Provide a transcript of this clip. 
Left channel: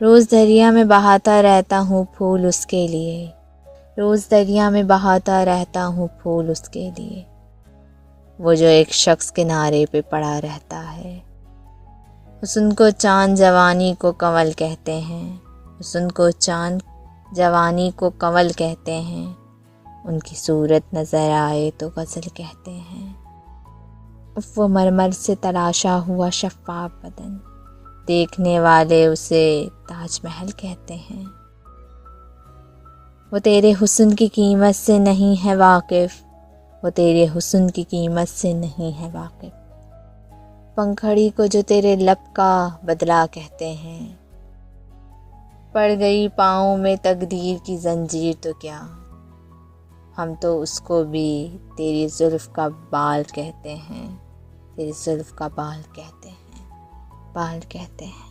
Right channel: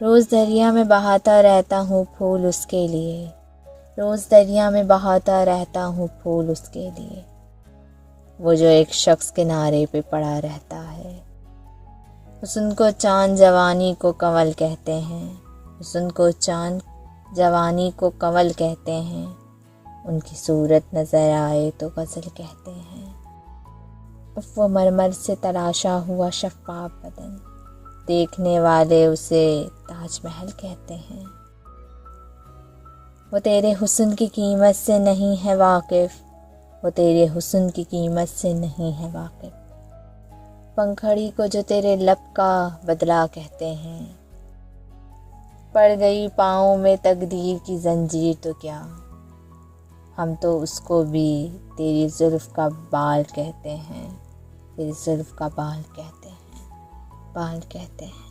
रोज़ दरिया में बहाता रहता हूँ फूल उसके लिए, रोज़ दरिया में बहाता रहता हूँ फूल उसके लिए। वो जो एक शख्स किनारे पे पड़ा रहता है। हुस्न को चांद जवानी को कंवल कहते हैं, हुस्न को चांद जवानी को कंवल कहते हैं। उनकी सूरत नज़र आए तो गज़ल कहते हैं। वो मरमर से तराशा हुआ शफ़ाफ़ बदन, देखने वाले उसे ताजमहल कहते हैं। वो तेरे हुस्न की कीमत से नहीं है वाकिफ़, वो तेरे हुस्न की कीमत से नहीं है वाकिफ़। पंखड़ी को जो तेरे लब का बदला कहते हैं, पड़ गई पाँव में तकदीर की जंजीर तो क्या, हम तो उसको भी तेरी जुल्फ़ का बाल कहते हैं, तेरी जुल्फ़ का बाल कहते हैं, बाल कहते हैं।